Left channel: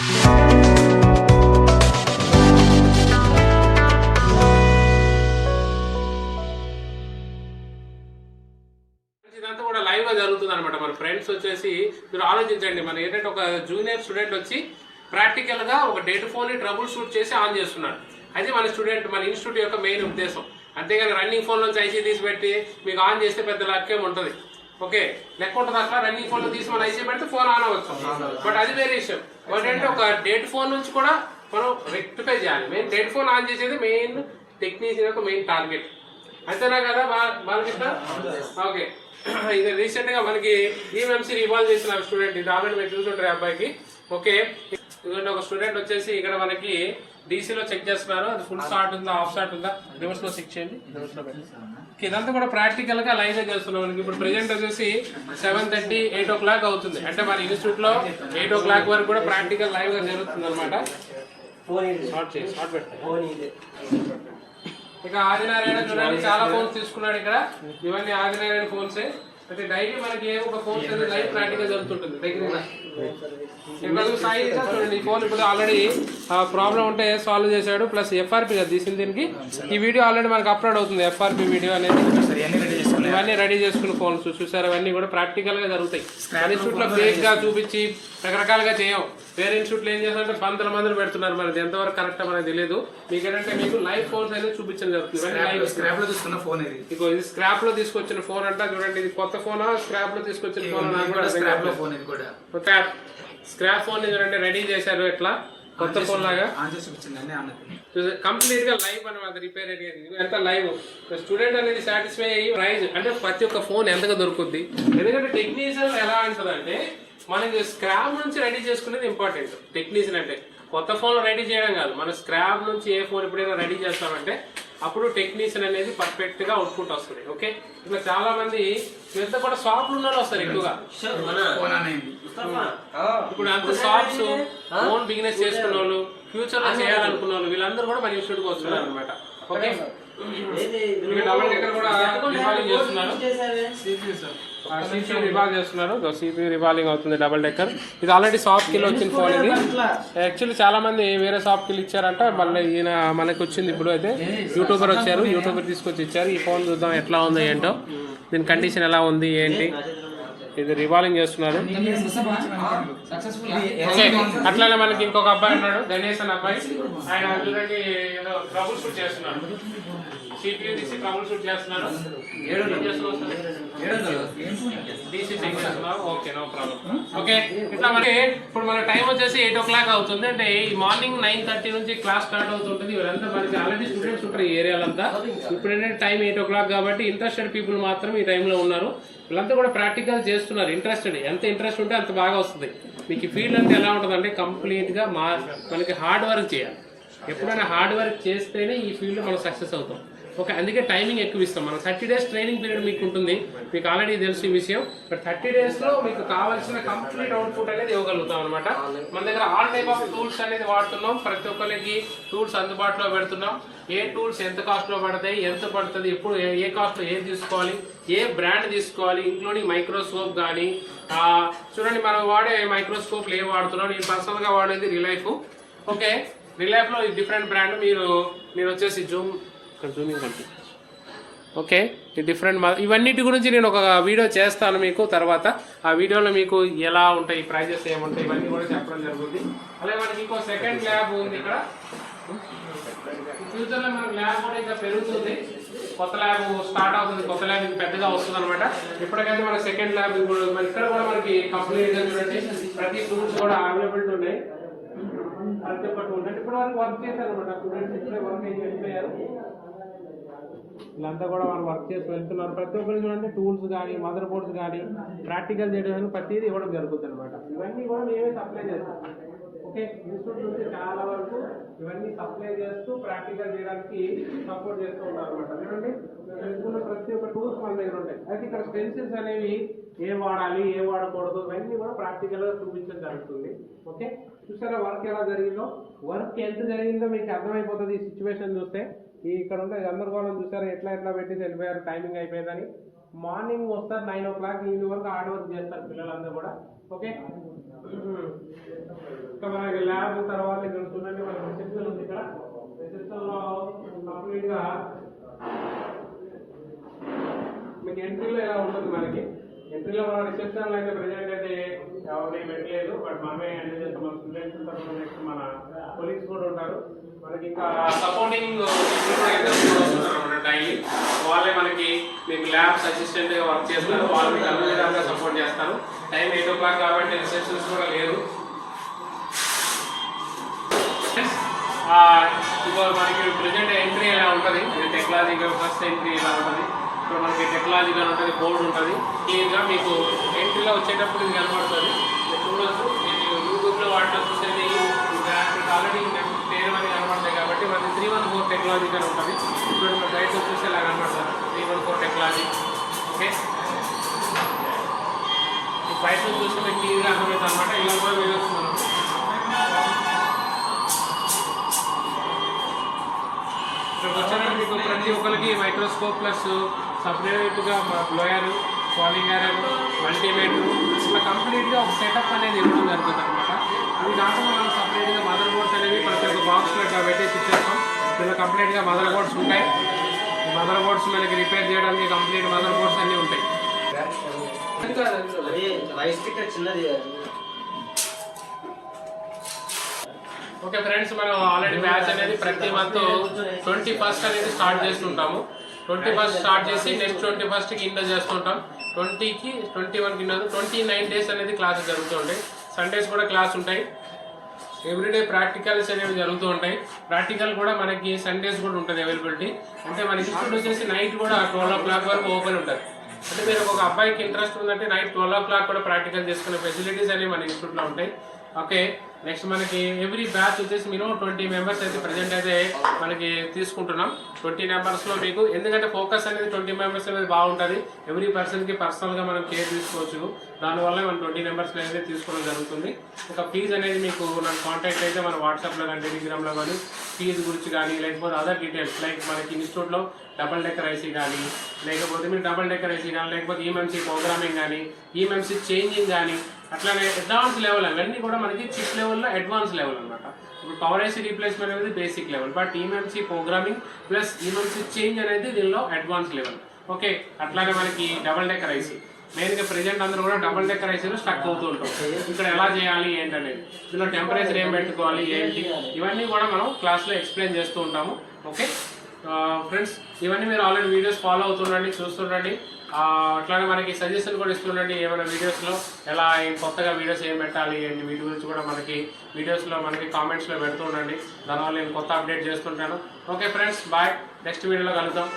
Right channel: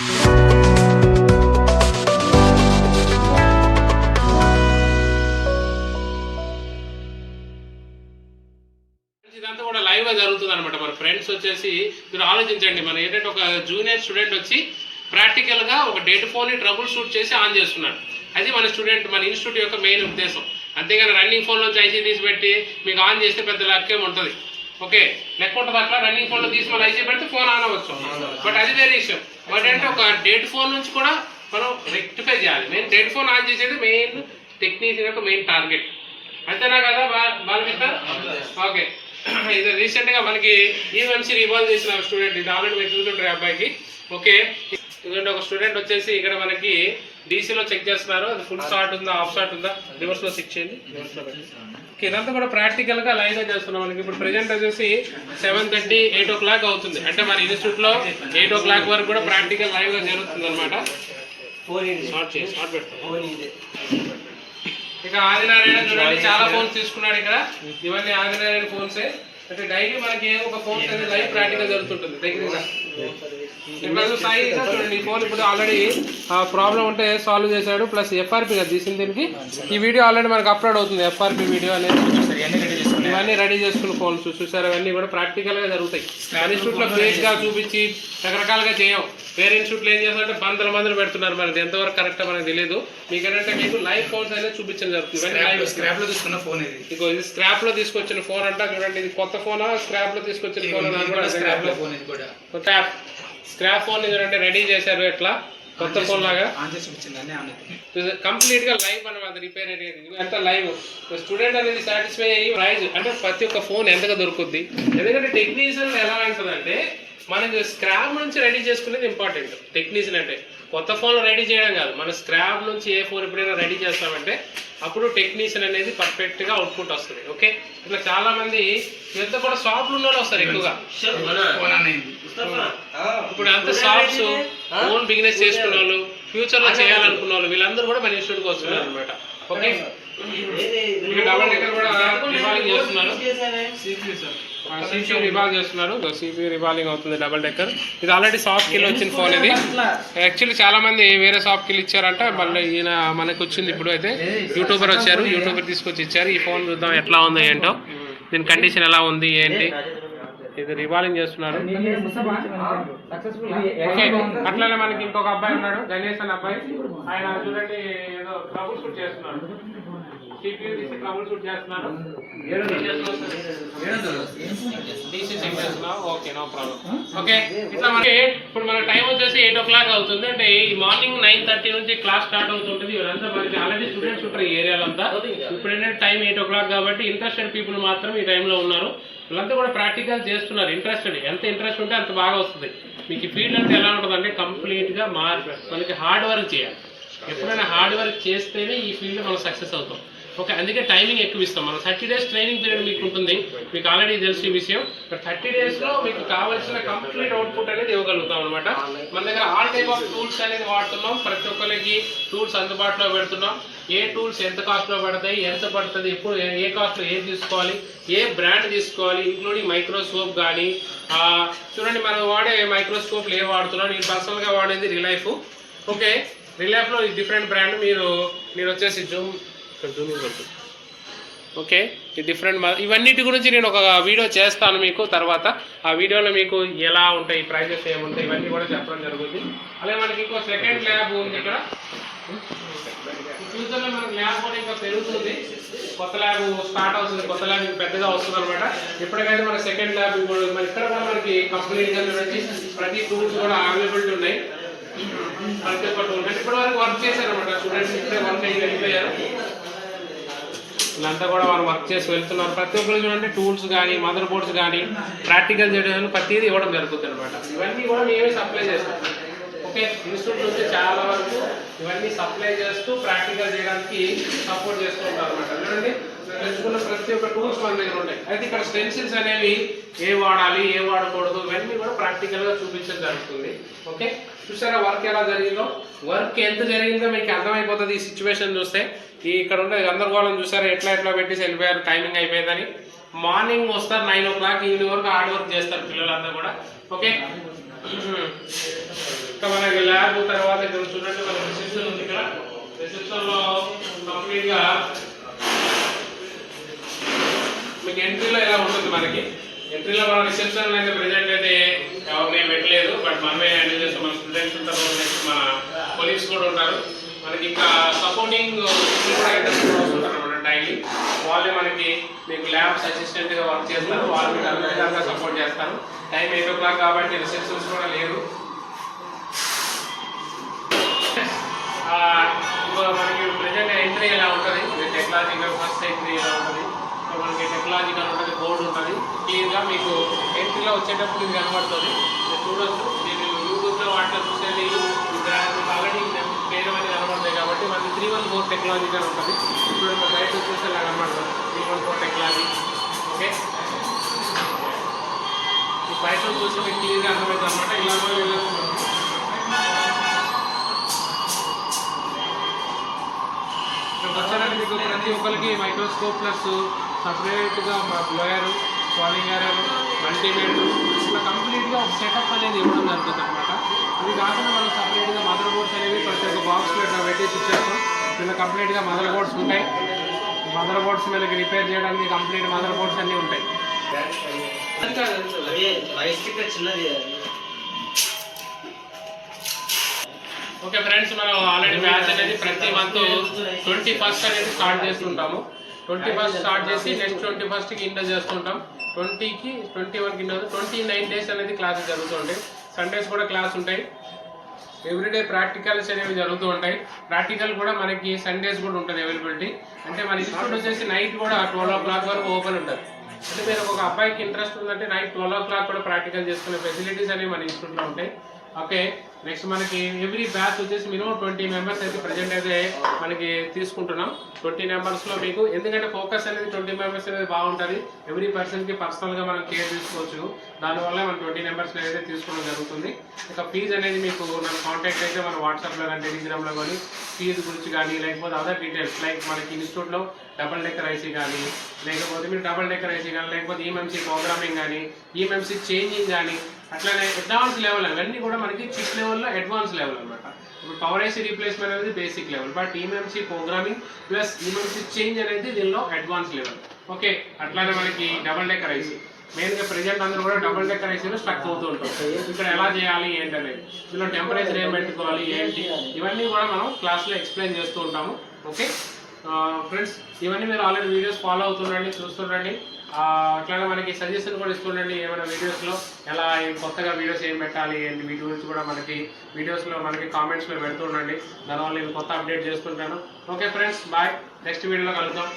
ఇదంతా కూడా లైవ్ గా జరుగుతుంది అనమాట. మన ఫ్రెండ్స్ వచ్చేసి మీరు ఆలోచించండి, మన ఏంటంటే ఒక జూనియర్ స్టూడెంట్ వచ్చి ప్రాక్టికల్ గా ఒక డెడ్ ఫోన్ ని ట్రబుల్ షూట్ చేసి ఆన్ చేస్తున్నాడు. అది మన స్టూడెంట్, మన ఇన్స్టిట్యూట్ యొక్క మెయిన్ ఉద్దేశం. అంతేగాని రన్నింగ్ ఫోన్ నుంచి ఐసీ తీసి పెట్టి మీకు ఆన్ చేస్తే పెద్ద లెక్కేం ఉంటుంది. ఓకే, లెక్క ఉంటుంది అట్లా. రన్నింగ్ ఫోన్ లో తీసి మనం ఐసీ పెడితే ఫోన్ ఆన్ అవ్వచ్చు, బట్ అది వేరే విషయం. బట్ అంటే ఒక డెడ్ ఫోన్ నుంచి కూడా మనం రెక్టిఫై చేయాలి. మెయిన్ డెడ్ ఫోన్ ఆన్ చేసేది మెయిన్ టెక్నీషియన్ యొక్క మెయిన్ టార్గెట్. అంతేనా కదా బాలకృష్ణ? ఓకే, ఇది రీసెంట్ గా మనకి EMMC రివాల్వ్ చేసిన స్టూడెంట్, ఇది ఆల్రెడీ మీరు చూస్తుంటారు అబ్బాయికి. ఓకే, ఎందుకంటే ఒక స్టూడెంట్ వచ్చేసి ఇక్కడ మనకి డీసీలో చెక్ చేస్తున్నారు, అది ఫుల్ స్టార్ట్ ఉందా ఆఫ్ స్టార్ట్ ఉందా, రివర్స్ లో చెక్ చేయండి, రివర్స్ లో పెట్టి. ఇదంతా కూడా ప్రాక్టికల్ గా లైవ్ గా చేస్తున్నాం. మనకి ఇప్పుడు ప్రెజెంట్ వచ్చేసి 7:30, 8 o'clock అవుతుంది. అంటే మన ఇన్స్టిట్యూట్ లో 8 o'clock వరకు కూడా ప్రాక్టికల్ లైవ్ గా జరుగుతుంది అనమాట. ఇక ఆదినారాయణ చూడండి, చాలా ఫోన్స్ తీసుకున్నాడు ఇక్కడ. ఇవన్నీ ఆదినారాయణ ఫోన్సే. అంటే డైలీ మనకి ఏదో ఒక ఫోన్ అనేది లైవ్ ప్రాక్టికల్ జరుగుతుంటుంది దగ్గర. సాయి చూడండి, ఈ ఫోన్ ఇప్పుడు ఆల్రెడీ ప్రాబ్లం ఉంటే సాల్వ్ చేశాడు, ప్లస్ FRP కదా తీసింది దీనికి. ఈ వీడియో ఆల్రెడీ మనకు అప్లోడ్ అవుతుంది, FRP వీడియో అనేది. ఇవన్నీ రెడీ చేసుకున్న ఫోన్స్ చూసారు, అవన్నీ కూడా ప్రాక్టికల్ గా జరుగుతాయి. ఇన్స్టిట్యూట్ లో బేస్ గా చూపించి రకరకాలుగా చేయం. వేరే ఇన్స్టిట్యూట్లో ఏం చేస్తారంటే మందులు పెడుతున్నారు, మనది ఎంతవరకు కరెక్ట్ మనకు తెలియదు. మీకు ఏంటంటే మీకు లైవ్ ఫోన్స్ అనేది చూపించడం జరుగుతుంది. స్క్రాప్ లో తీసుకున్న ఫోన్ ఇది. ఇది స్క్రాప్ లో తీసుకొచ్చిన ఫోన్ అంట. చూడండి, ఇది కొత్త ఫోనా స్క్రాప్ లో తీసుకొచ్చిన ఫోన్? స్క్రాప్ ఫోన్ చూడండి రెడీ చేశారు ఎట్లా కొత్త ఫోన్ లాగా కంప్లీట్ గా లైవ్ అనమాట. రిపేర్ అయ్యేది ఎంత లైవ్. స్టూడెంట్ అనేది సాటిస్ఫై అయ్యి ప్రైజ్ అంటే ప్రతి ఒక్క ఫోన్ ఎంతగా దొరుకుద్ది. ఎందుకంటే టెక్నీషియన్ ఎలా అంటుందంటే మనకి స్క్రాప్ నుంచి రెడీ చేసుకునేది ఇంపార్టెంట్. టెక్నీషియన్ అంటే కొత్త ఫోన్లో రెడీ చేయడం కాదు, మన స్క్రాప్ నుంచి ఏ ఫోన్ ఎప్పుడైనా రెడీ చేస్తామంటే అప్పుడు టెక్నీషియన్ అనేది పర్ఫెక్ట్ గా అవుట్పుట్ వస్తుంది. ఓకే, ఇట్లా చాలా మంది ఇదంతా కూడా షాప్లు ఉన్న వాళ్ళు వస్తారు ఎక్కువగా. ఇప్పుడు అంత షాప్స్ ఓన్ బిజినెస్ చేసుకున్న వాళ్ళు, ఫ్యూచర్ లో చేయాలనుకున్న వాళ్ళు, వీళ్ళందరూ కూడా మన ఇన్స్టిట్యూట్కి వస్తున్నారు అనమాట. ఓకే, డబల్ డెక్కర్ కూడా రివాల్వింగ్ చేస్తున్నారు. CPU రివాల్వ్ చేస్తున్నారు. CPU రివాల్వింగ్ అవుతుంది డబల్ డెక్కర్. ఇది ఆల్రెడీ సాఫ్ట్ కిల్ వచ్చిన ఫోన్. ఇది యాక్చువల్లీ చాలా మంది వేరే సాఫ్ట్ కిల్ ఇచ్చారంట, మళ్ళీ ఈయన మనకు వచ్చింది. ఇప్పుడు అయితే యూట్యూబర్ వచ్చారు, యూట్యూబర్ తీసుకొచ్చి ఇచ్చారు. ఈ ఫోన్ చూద్దాం ఎట్లా ఉంది ఏంటో, దీని కండిషన్ ఎలా ఉంది ఏంటి. ఇది రివాల్వింగ్ చేస్తున్నారు. అట్లానే మనకి ఇంకొక అబ్బాయి ఉన్నాడు, గణేష్ అనే అబ్బాయి. ఆయన చూడండి ఏదో ట్రబుల్ షూట్ చేస్తున్నాడు, CPU DC ట్రబుల్ షూట్ చేస్తున్నాడు. DC చెక్ చేస్తున్నావు. Okay, no problem. ఓకే, ఇట్లా మనకి ఇప్పుడు మన టైం వచ్చేసి 8 o'clock అవుతుంది. అంటే ఈ మార్నింగ్ 9:30 నుంచి క్లాస్ స్టార్ట్ అవుతుంటుంది. ఇవరంతా మనకి ఆల్రెడీ స్టూడెంట్స్ ఉంటారు ఈ ఏరియాలో అంతా. ఇప్పుడు ఏంటంటే టైం 8 o'clock కాబట్టి ఇంట్రెస్టెడ్ పీపుల్ మాత్రం ఈ టైంలో ఉన్నారు. వీళ్ళంతా కూడా ప్రాక్టికల్ చేస్తున్నారు. ఇంట్రెస్టెడ్, ఎంత ఇంట్రెస్ట్ ఉంటే అంత బాగా వస్తుంది. మీకు ఈ ఫీల్డ్ అంటే ఎలా ఉంటుందంటే కంప్లీట్గా మనకి హార్డ్ వర్క్ చేయాలి. ఎప్పుడైనా హార్డ్ వర్క్ చేస్తేనే ఈ ఫీల్డ్ మనం సక్సెస్ అవుతాం. ఓకే, అందుకే టైమింగ్ ఎక్కువ ఇస్తాం. మనం 30 days ట్రైనింగ్ పీరియడ్ మీకు ఉంటుంది, మీకు ఆల్రెడీ తెలిసి ఈ విషయం. బట్ 30 daysలో మీకు కావాల్సిన కంప్లీట్ అవుట్పుట్ అనేది ఇవ్వగలుగుతాం అనమాట. మన దగ్గర ఆల్ టైప్ ఆఫ్ టూల్స్ అనేది వాడుతున్నాం. ప్రతి ఒక్కరికి టూల్స్ అందుబాటులో పెడుతున్నాం. ఏ టూల్స్ ఎంత కాస్ట్లో పడతాయి, ఎంత పడుతుంది, ఇప్పుడు ఏ కాస్ట్లో ఏది తీసుకోవాలి, ఏ బ్రాండ్ తీసుకోవాలి, ఇంక్లూడింగ్ మైక్రోస్కోప్ కానీ. చూడండి మనం వాడే మైక్రోస్కోప్లు ఏ వాడుతున్నాం. నేను పర్సనల్గా వాడేది రిలైఫ్. ఓకే, రిలైఫ్లో డిఫరెంట్ బ్రాండ్. మీరు వచ్చేసి జూమింగ్ ఉంటుంది. ఓకే, ఈ డిఫరెంట్ ఇవన్నిటి గురించి నేను ఒక వీడియో చేస్తాను మీకు తర్వాత. ఆ వీడియోలో మీకు ఎలా ఉంటాయి, ప్రైజెస్ ఏముంటాయి, ఇవన్నీ కూడా చెప్పడం జరుగుతుంది. అలాగే మనకి ఇంకో సెకండ్ ల్యాబ్ ఉంది ఇక్కడ. ఫ్యూచర్లో మనకు ల్యాబ్ కూడా ఇంకా పెరుగుతుంది. కొత్త ల్యాబ్ స్టార్ట్ అవుతుంది, కొత్త ల్యాబ్ ఇంకా పెద్దగా వస్తుంది అనమాట. ఎప్పటికైతే మన సెకండ్ ల్యాబ్ కూడా మన ఇక్కడ కూడా మనకి కంప్లీట్గా చూడండి ప్రతి టూల్స్ కూడా అవైలబిలిటీ ఉన్నాయి. ప్రతి ఒక్క టూల్ ఇప్పటి వరకు వర్క్ చేశారు అనమాట. స్టూడెంట్స్ ఇప్పుడే వర్క్ అయ్యి వెళ్ళిపోయారు. వీళ్ళంతా కూడా వాళ్ళు వర్క్ చేసి వెళ్తున్నారు. ప్రతి ఒక్కరు చూడండి టూల్స్ కానీ, మదర్ బోర్డ్స్ కానీ, ప్రాక్టికల్ చేయడం ప్రతిదీ ఇవ్వడం జరుగుతుంది అనమాట. ఇవన్నీ కూడా మేమే సప్లై చేస్తాం. ఓకే, ఇన్స్టిట్యూట్ నుంచి చాలా వరకు ఇవన్నీ సప్లై చేస్తూ ప్రాక్టికల్ చేయడానికి సపోర్ట్ చేస్తూ ఉంటారు అనమాట. చూడండి తెలుసుకున్న ప్రతి ఒక్క టూల్స్ మన దగ్గర ఉంటాయి. అయితే ఇక్కడ స్టెన్సిల్స్ అనేవి ఏ వాడాలి, ఏ వాడకూడదు, ఇవన్నీ కూడా ప్రాక్టికల్గా చూపించడం జరుగుతుంది. ఓకే, చూసారా వర్క్ ఎలా జరిగిందో. వర్క్ ఎంత జరిగిందో మీకు అర్థమైపోతుంది ఈ సిచ్యువేషన్ చూస్తే. ఇక్కడ ఉండే గందరగోళం చూసారా, ఎట్లా పెట్టేసి వెళ్ళిపోయారు, టైమింగ్ అయిపోయిందని. మార్నింగ్ వస్తారు 9 o'clock, ఈవినింగ్ వరకు హార్డ్ వర్క్ చేస్తారు పిల్లలందరూ కూడా. ఓకే, ఇంకా మనకి ల్యాబ్ తర్వాత ఇక్కడ చూడండి మన రిసెప్షన్ ఉంది. ఇక్కడ రిసెప్షన్ లో కంప్లీట్ గా మీకు ఎంట్రీలో ఎలా ఉంటుంది. మనకి ఎంట్రీలో మన రిసెప్షన్ అయితే ప్రెజెంట్ అయితే ఎవరిని పెట్టలేదు, బట్ మనమే హ్యాండిల్ చేస్తాం. మన స్టూడెంట్స్ ఉంటారు, నెక్స్ట్ మన కొలీగ్స్ కూడా ఉంటారు. మనకి ఇంకా సపోర్టింగ్ కూడా వస్తుంటారు అన్నమాట డైలీ. వాళ్ళే మనకి మీకు ల్యాబ్స్ అసిస్టెంట్ గా వర్క్ చేస్తారు. వాళ్ళు మీకు అన్ని విధాలుగా సపోర్ట్ చేస్తారు. టైం 8 o'clock కాబట్టి రిసెప్షన్స్ కూడా లేదు. ఇప్పుడు మనకి ప్రెజెంట్ ఎంట్రీ ఎలా ఉంటుంది, టెక్నాలజీ ఫస్ట్ ఎంట్రీ ఎలా ఉంటుంది. ఇప్పుడు మనకి టెక్నాలజీ ఉంటుంది, బోర్డు ఉంటుంది. క్లియర్గా మీకు ఎంట్రీలో వచ్చేటప్పుడు ఇది కనబడుతుంది. చూడొచ్చు, మీరు యూట్యూబ్లో వాటిలో చూసేది ఆల్రెడీ పేరు అనేది కనబడతాయి కాబట్టి మనకి 314 టెక్నాలజీ అని ఉంటుంది. ఇప్పుడు మన బయట చూస్తే ఇలా కనబడుతుంది 314 టెక్నాలజీ. ఓకే, బయట చూస్తే మీకు క్లియర్గా అర్థమవుతుంది అనమాట. ఇలా కూడా వెళ్ళొచ్చు మనం. ఇక్కడ వచ్చారంటే మీకు ప్రతి ఒక్కరికి మైక్రోస్కోప్ ప్లస్ సపరేట్గా బ్లోయరు, సాలింగ్ ఏరియర్, మల్టీమీటర్ ఇట్లా కంప్లీట్గా ఒక సెటప్ అనేది ఇవ్వడం జరుగుతుంది అనమాట. ఇది కాకుండా మనం సపరేట్గా మదర్ బోర్డ్స్ అనేవి ప్రతి ఒక్క బాక్స్లో ఇట్లా పెట్టి ఇచ్చేస్తాం. ఇలా కంప్లీట్గా మదర్ బోర్డ్స్ ఉంటాయి. మదర్ బోర్డ్స్ మనకి రిపేర్ చేయడానికి కంప్లీట్ మదర్ బోర్డ్స్ అన్నీ ఉంటాయి. ఓకే ఫ్రెండ్స్, మనం ఆల్రెడీ బ్యాచ్ అనేది ప్రతి మంత్ 21st అనేది స్టార్ట్ చేస్తుంటాము. 21st స్టార్ట్ చేసి నెక్స్ట్ 21st ఇండో చేస్తుంటాం. 20కి 21కి ఇండో 29 డేస్ అనేది క్లాసెస్ జరుగుతుంటాయి. సండేస్ కూడా క్లాస్ ఉంటాయి. ఎవ్రీడే ప్రాక్టికల్స్ అనేవి జరుగుతూ ఉంటాయి. ప్రాక్టికల్ కూడా మనకి సండేస్ కూడా ఉంటుంది అవైలబిలిటీ. అంటే మన ఇన్స్టిట్యూట్ వచ్చేసి నైట్ కూడా 12 o'clock వరకు ఓపెన్ ఉంటుంది. అంటే మీరు ఒక అబ్బాయికి ఇంట్రెస్ట్ ఉందంటే నైట్ 12 o'clock కూడా ప్రాక్టికల్ చేసుకునే ఫెసిలిటీస్ అనేవి మన ఇన్స్టిట్యూట్లో ఉంటాయి. ఓకే, నెక్స్ట్ మనకి ఎవ్రీ బ్యాచ్ వచ్చేసి మినిమం 20 మెంబర్స్ అయితే ప్రజెంట్ అయితే మనకి తీసుకుంటున్నాం. 20 మెంబర్స్లో మీకు ఎందుకంటే ఫోకస్ అనేది 20 మెంబర్స్ అనేది బాగుంటుంది. ఎవ్రీ పర్సన్కి పర్సనల్గా మనం కేర్ తీసుకోవచ్చు. దానివల్ల మనం 20 మెంబర్స్లో అయితే తీసుకోవడం జరుగుతుంది. ఇక ఫీజు అనేది మీకు నాకు కాంటాక్ట్ అయితే మన వాట్సాప్లో కానీ టెలిగ్రామ్లో కానీ ఫీజు గురించి కానీ లేకపోతే అదర్ డీటెయిల్స్ లైక్ మనకి ఇన్స్టిట్యూట్లో డబల్ డెక్కర్ ఐసీ కానీ లేకపోతే మీరు డబల్ డెక్కర్ ఐసీ కానీ లేకపోతే EMMC ప్రోగ్రామింగ్ కానీ EMMC చేంజింగ్ కానీ అట్లానే అడ్వాన్స్ లెవెల్ అవన్నీ కూడా మనకి చిప్ లెవెల్లో అడ్వాన్స్ లెవెల్ అనమాట. ఇప్పుడు పవర్ ఐసీ రీప్లేస్మెంట్ అనేది basic level, but EMMC programming plus EMMC change అనేది దీనిలో అడ్వాన్స్ లెవెల్. ఓకే, అట్లానే మనకి డబల్ డెక్కర్ ఐసీ మెయిన్గా ప్రెజెంట్ అందరూ కూడా డబల్ డెక్కర్ ఐసీలో స్టక్ అవుతూ ఉంటాం. ఇక్కడ ఎలా చేయాలి ఏంటనేది, దీనిలో టెంపరేచర్ ఏం పెట్టుకోవాలి ఏంటి ఇవన్నీ కూడా మనం క్లాస్లో ఎక్స్ప్లెయిన్ చేస్తూ ఉంటాము. ఓకే ఫ్రెండ్స్, ఇవన్నీ మీరు ఆల్రెడీ వీడియోస్ ఫాలో అవుతుండండి, చూస్తుండండి. అట్లానే మనకి సజెషన్ కూడా ఇస్తుండండి. ఏమైనా వీడియోస్లో ఎలా కొత్తగా వీడియోస్ ఏం పెట్టాలి ఏంటి వీటి గురించి కూడా మనకి వీడియోస్లో మనకి కామెంట్స్లో పెడుతూ ఉండండి. దానివల్ల నేను కొత్త అప్డేట్ చేస్తుంటాను. Okay friends, bye. నెక్స్ట్ వీడియోలో కలుద్దాం.